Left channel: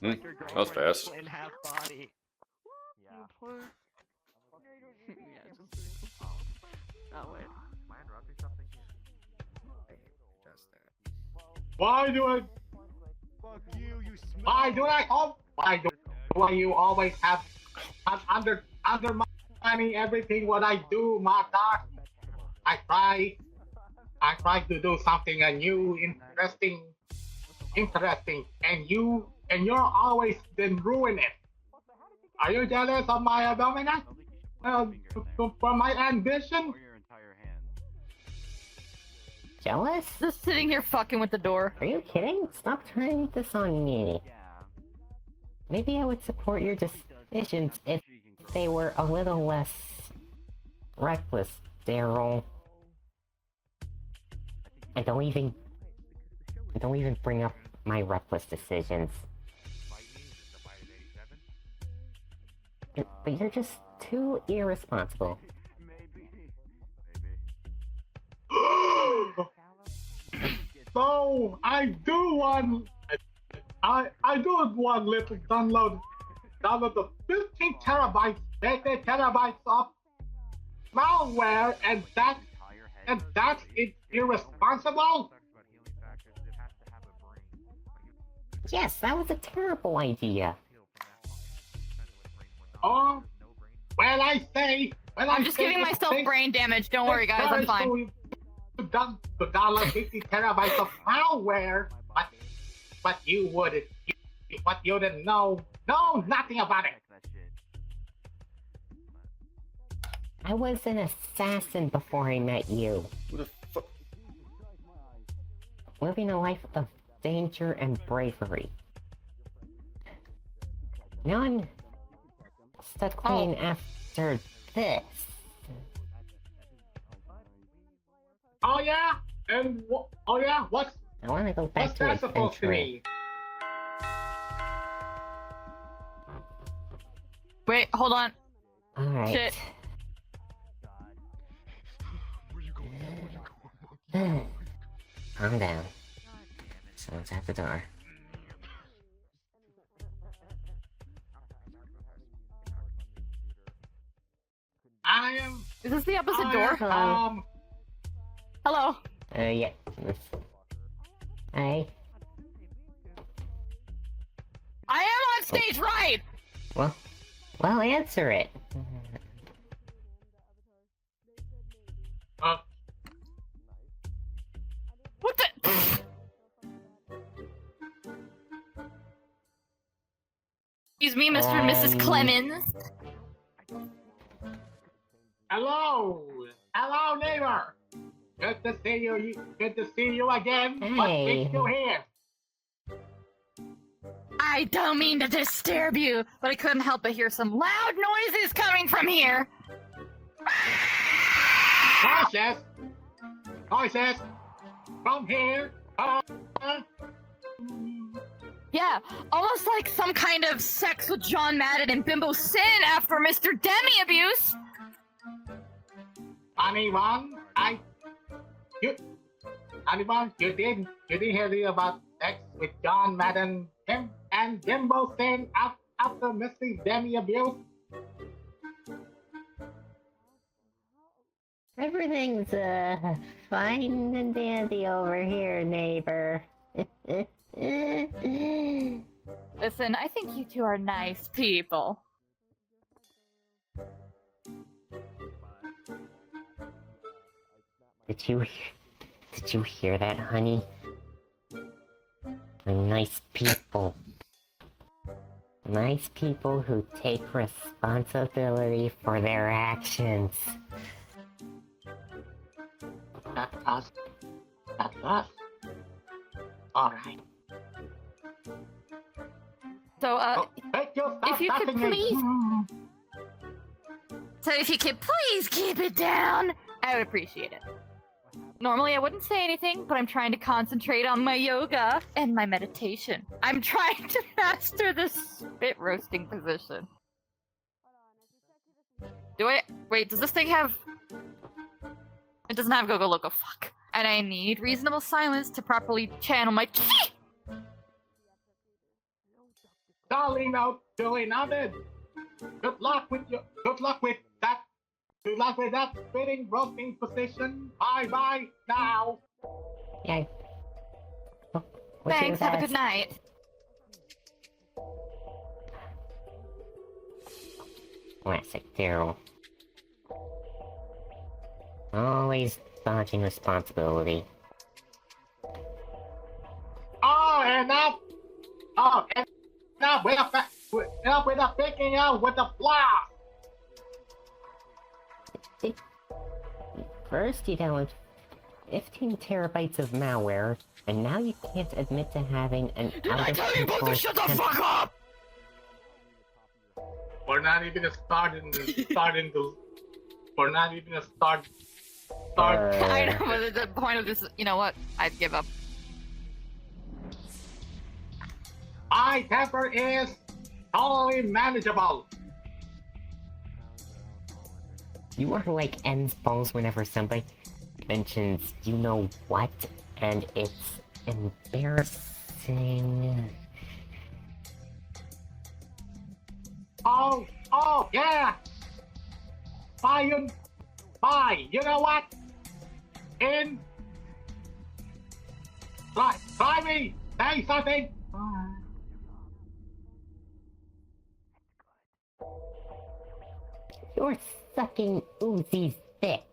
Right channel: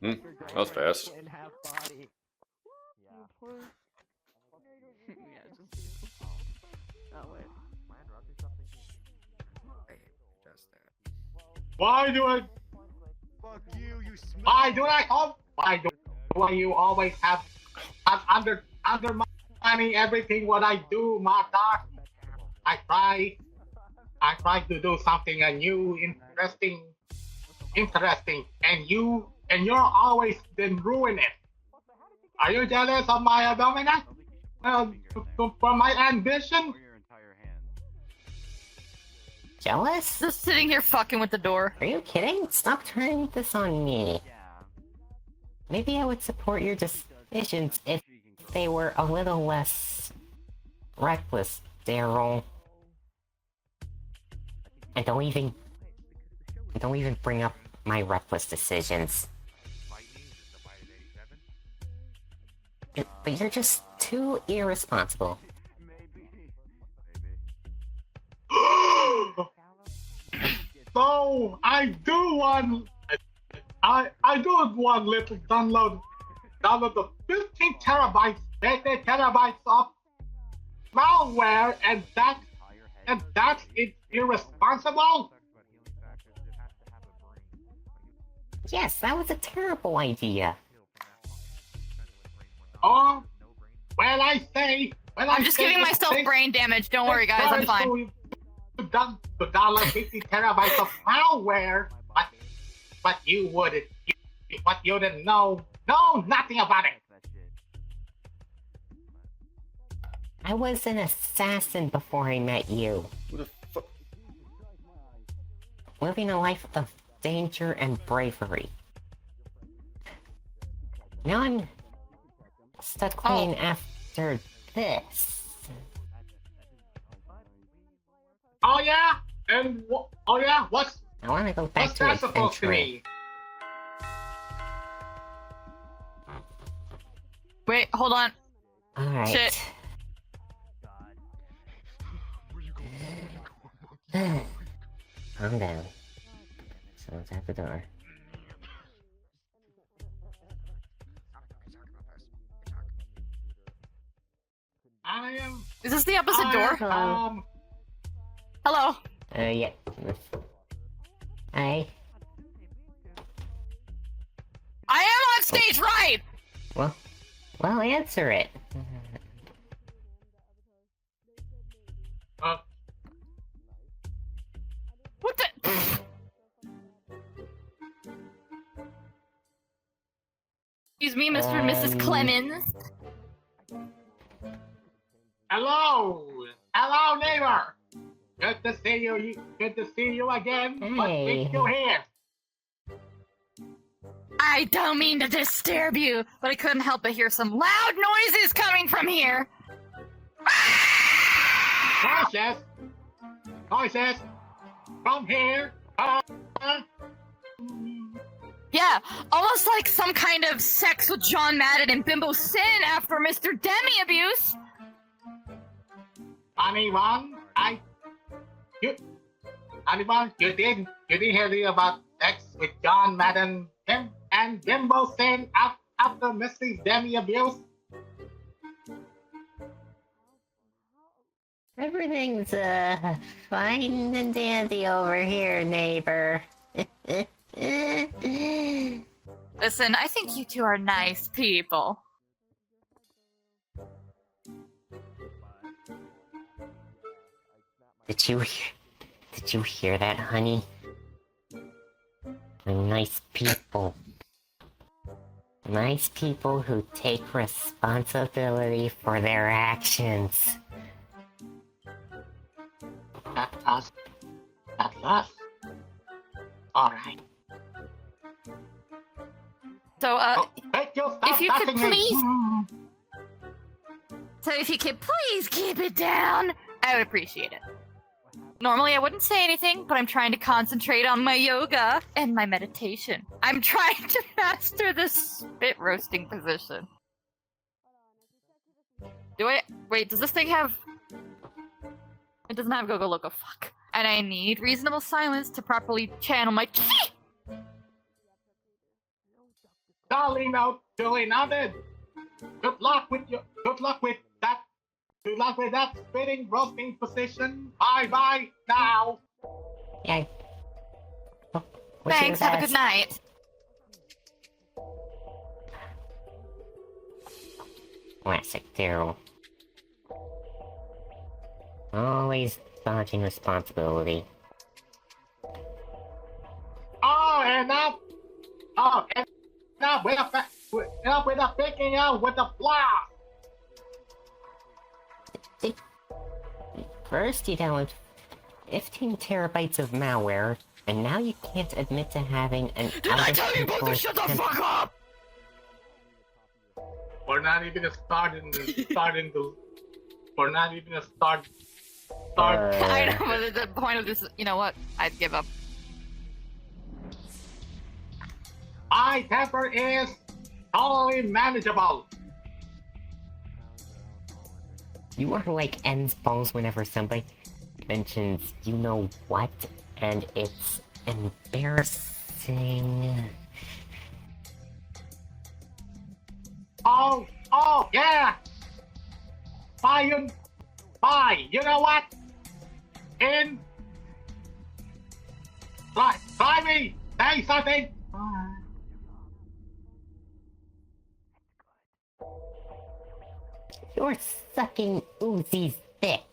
That was fast. Why do I? Why do you always have undermining everything what I do, Martha? I try to do something new, interesting, and you're always been ruining it. Are you jealous of my dominance? For my ambition? Jealous? Just sitting here fucking with the door. Are you kidding? Stop turning this on me. Maybe I would support your decisions if they were a little less reckless, Daryl. And don't even bring up my reckless decisions. But you're just too irresponsible. So I do want little download the 15 terabytes of malware, and that's irresponsible. Yes, that was a terrible idea. Oh, I'm just giving myself brain damage. Don't worry, guys. I'm fine. To download 50 terabytes of malware, but you didn't know nothing about it. I was an assassin before I met you. Who the fuck? Living a life of danger and bravery. Now I'm stuck playing after this. Oh yeah? And oh yeah? What's I want to go back to that supposed to adventuring. mean? Wait, hold on. Alright. Shit. Calm down. Someone's at the door. I am. Is this the opposite door? Hello. Yeah. Hey. I am on stage right! Well, answer it. What the? Excuse me, Mr. and Mrs. Clemens. Hello, neighbor. Good to see you. Good to see you again. What Hey. brings you here? I don't mean to disturb you, but I couldn't help but hear some loud noises coming from here. Voices. From here. Yeah, almost like some kind of sex with John Madden and Bimbo Sin after Mr. Demi abuse. Anyone, you didn't hear about sex with John Madden and Bimbo Sin after Mrs. Demi abuse? Everything's fine and dandy over here, neighbor. Listen, I think you two are nice people. Did you hear that, honey? They're nice people. Nice people who take responsibility for their actions. That's us. Alright. So, if you could please keep it down, I would appreciate it. Normally I wouldn't say anything, but I'm trying to concentrate on my yoga and my meditation. I'm trying to master the spit roasting position. Wait, does this thing have... It doesn't have Gogo Loco, fuck. And I need reasonable silence to properly channel my chi! Duly noted. Good luck with that. Good luck with that spitting roasting position. Bye now. Yeah. Wish you Thanks, the have a best. good night. Classic Daryl. Always dodging responsibility. Enough with the picking out with the blast. First you download 15 terabytes of malware, and now you can't admit to having an out-of-control Shut the fuck up! We're not even We're not even a start. I know, but the point of this, you know what? I'd give up. My temper is totally manageable. You are like N's balls whenever somebody mentions you know what, and it's embarrassing. Oh yeah. Bye, you know what? Try me. Say something. You're sucking Uzi's dick.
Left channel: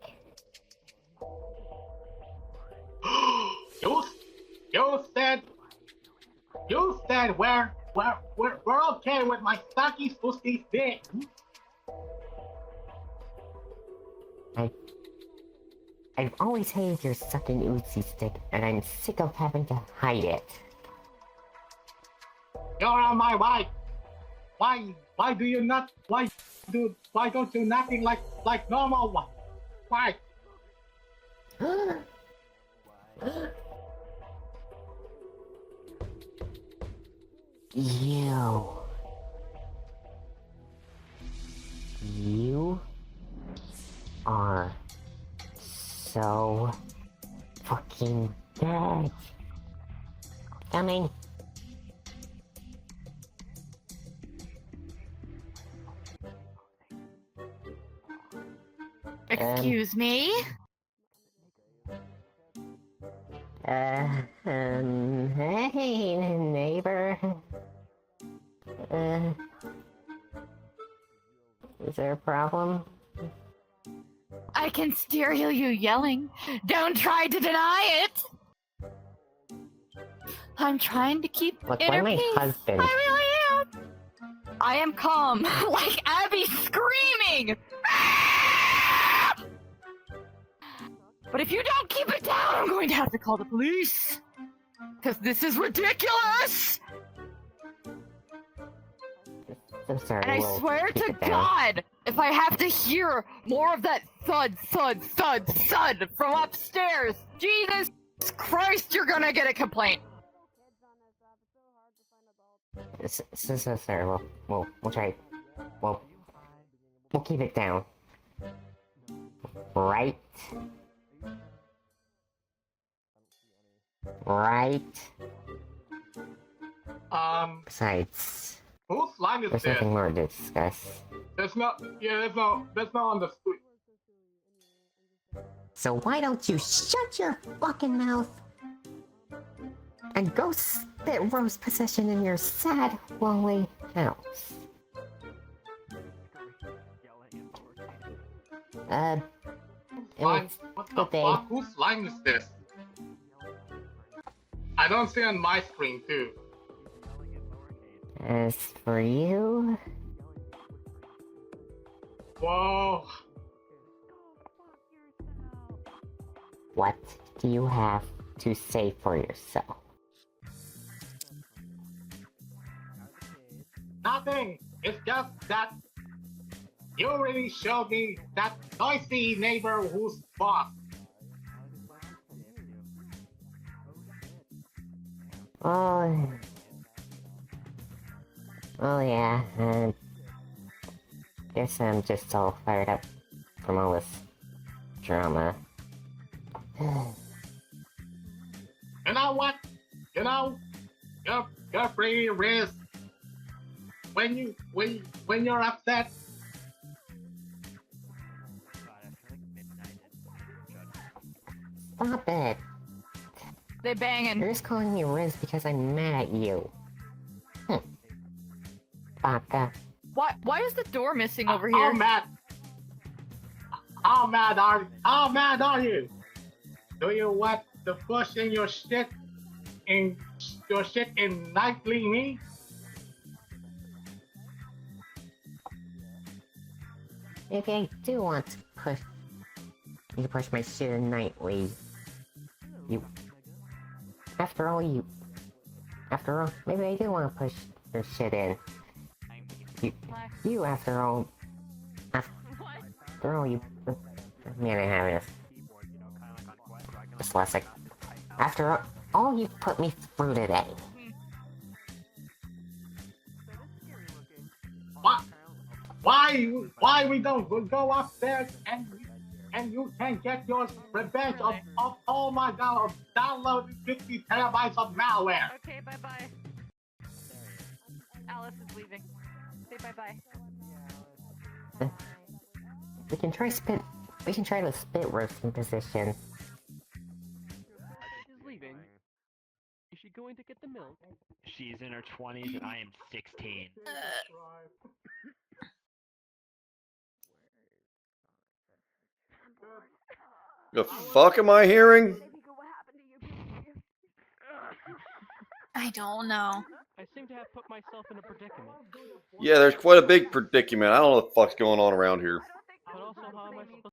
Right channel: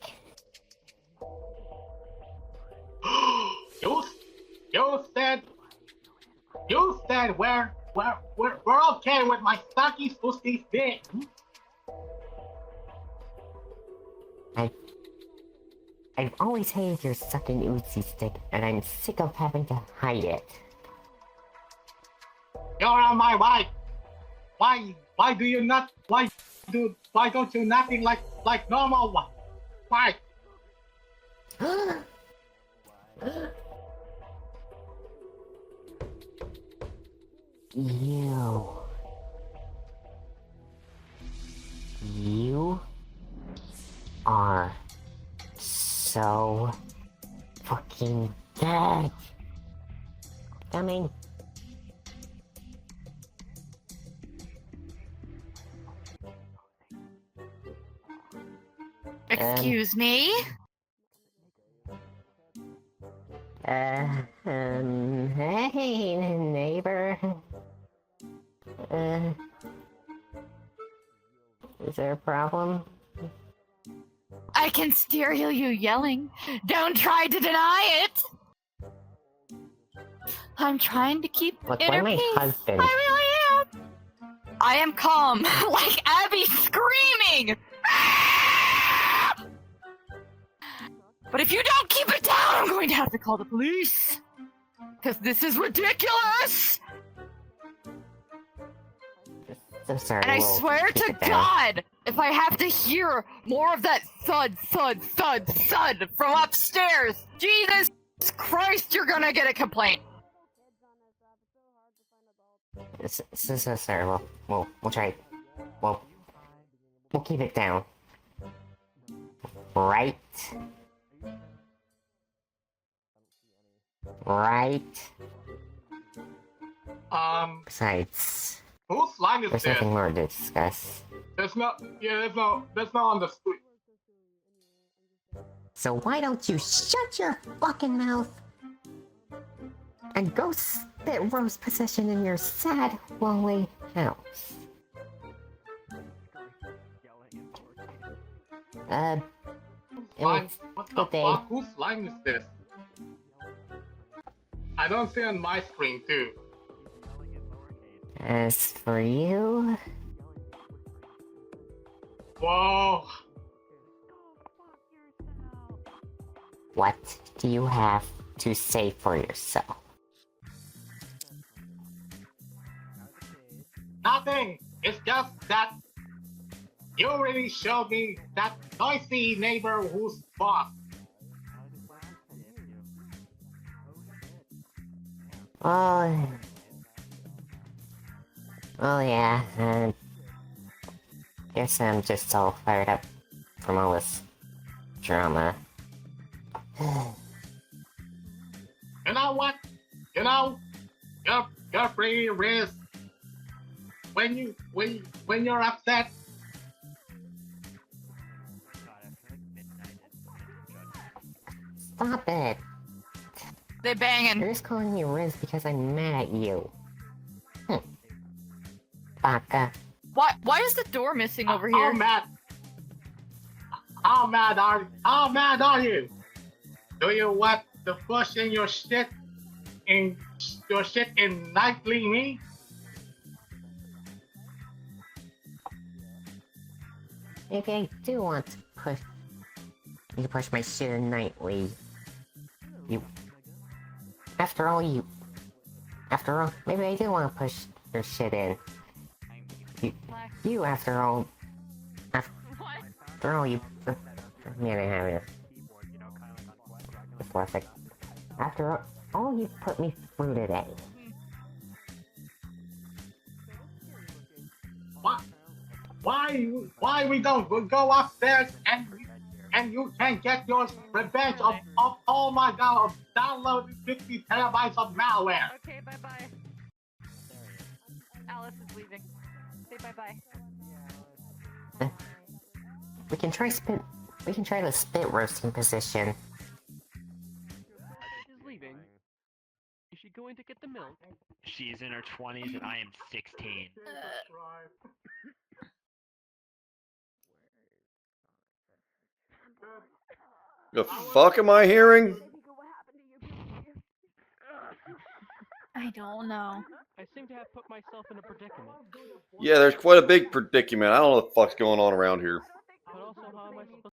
You said we're okay with my sucky Uzi's dick. I've always hated your sucking Uzi's dick, and I'm sick of having to hide it. You're on my right. Why don't you nothing like normal one? Why? You are so fucking dead. Coming. Excuse me? Hey, neighbor. Is there a problem? I can still hear you yelling. Don't try to deny it! I'm trying to keep Look, inner when my peace. husband... I really am. I am calm, like Abby screaming! But if you don't keep it down, I'm going to have to call the police! Because this is ridiculous! So sorry, And I we'll swear keep to it down. God, if I have to hear more of that thud, thud, thud, thud from upstairs, Jesus Christ, you're gonna get a complaint. So sorry, we'll try. We'll keep it down. Right? Besides, Whose line is there's this? nothing more to discuss. There's no on the street. So why don't you shut your fucking mouth and go spit Rose possession in your sad, lonely house? What the good day. fuck? Whose line is this? I don't see on my screen too. As for you, Whoa. what do you have to say for yourself? Nothing. It's just that you really showed me that noisy neighbor who's boss. Oh yeah, guess I'm just all fired up from all this drama. You know what? You're pretty when you're upset, Stop it. They banging. You're just calling me Riz because I'm mad at you. Baka. Why is the door missing over how here? mad? How mad are you? Do you want to push in your shit in nightly me? Maybe I do want to push my shit in nightly. After all, maybe I do want to push your shit in. After all, you. Man, I have this. Just last sec. After all you've put me through today. Why we don't go upstairs and you can get your revenge of oh my god, of downloading 50 terabytes of malware. Okay, bye-bye. Alice is leaving. Say bye-bye. We can try the spit roasting position. She's leaving. Is she going to get the milk? She's in her 20s and I am 16. The fuck am I hearing? I don't know. I seem to have put myself in a predicament. Yeah, there's quite a big predicament. I don't know what the fuck's going on around here. But also, how am I supposed